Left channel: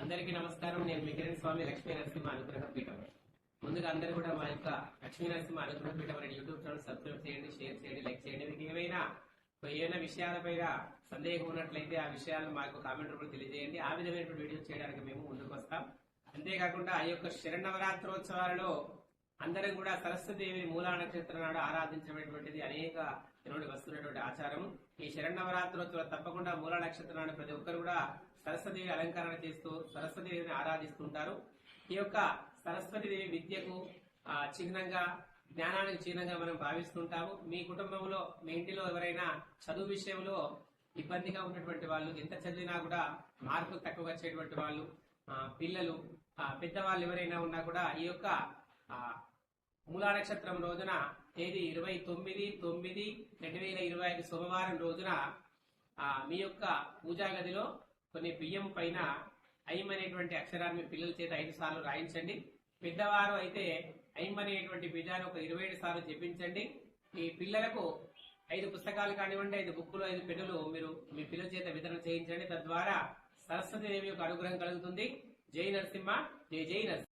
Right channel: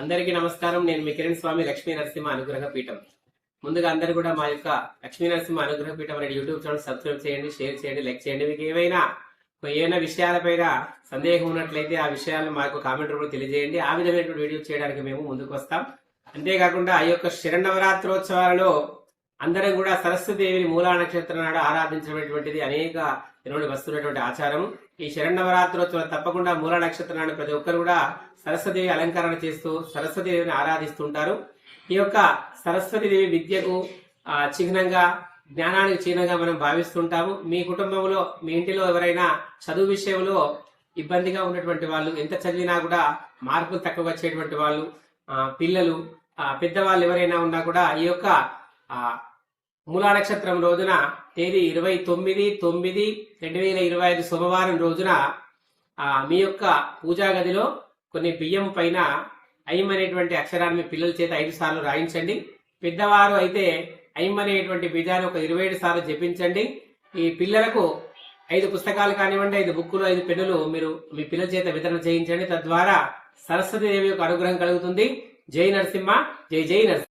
అందరికీ నమస్కారం. నేను మీ కిరణ్ స్వామి లక్ష్మీ నరసింహ అనుగ్రహ పీఠం. ముందుగా అందరూ కూడా మా యొక్క లక్ష్మీ నరసింహ అనుగ్రహ పీఠం అనే యూట్యూబ్ ఛానల్ సబ్స్క్రైబ్ చేయండి, షేర్ చేయండి, లైక్ చేయండి. మీకు ఏమైనా విషయాలపైన సందేహం ఉన్నట్లయితే ఆ విషయాలను మాకు కామెంట్ రూపంలో తెలియజేయండి. ఆ విధమైనటువంటి వీడియో చేయడానికి మేము ముందుకు వస్తాం. అంతేకాకుండా ఈ యొక్క శరన్నవరాత్రోత్సవాలలో అందరం కూడా సరస్వతీదేవిని మూలా నక్షత్రం నాడు ఆరాధించినటువంటిది అనేక నుండి వస్తున్నటువంటి ఆచారం. ఈ శరన్నవరాత్రోత్సవం తప్పకుండా మూలా నక్షత్రం నాడు ప్రతి ఒక్కరు కూడా సరస్వతీదేవి అలంకరణ చేస్తూ సరస్వతీదేవిని ఆరాధిస్తుంటారు. ఈ యొక్క సరస్వతీదేవి విద్యకు చిహ్నంగా, జ్ఞానానికి చిహ్నంగా మనం భావిస్తుంటాము. మీ కుటుంబంలో, మీ ఇంటిలో ఎవరైనా చదువు విషయంలో ఇబ్బందిగా ఉన్నటువంటి వాళ్ళు, ఎంత చదివినా కూడా మార్కులు తక్కువ వచ్చేటువంటి వాళ్ళు, పిల్లలు, పెద్దవాళ్ళు ఎవరైనా ఉన్నా కూడా ఈ యొక్క మూలా నక్షత్రం రోజున తేదీ 29/9/2025 సోమవారం రోజున మీ యొక్క పూజా గదిలో కొన్ని బియ్యం పైన ఐం అనేటువంటి అక్షరాన్ని మీ పిల్లల చేత 5 సార్లు రాయించండి. పెద్దవారు అయితే ఐం అనేటువంటి బీజాన్ని ఒక 27 సార్లు జపించండి. ఈ పిల్లలకు 5 పుస్తకాలు కానివ్వండి, 5 బుక్కులు, 5 పెన్నులు మీరు మీ పిల్లల చేత వితరణ చేయించండి. తద్వారా సరస్వతీదేవి యొక్క అనుగ్రహం కలుగుతుంది. జై నరసింహ, జై జై నరసింహ.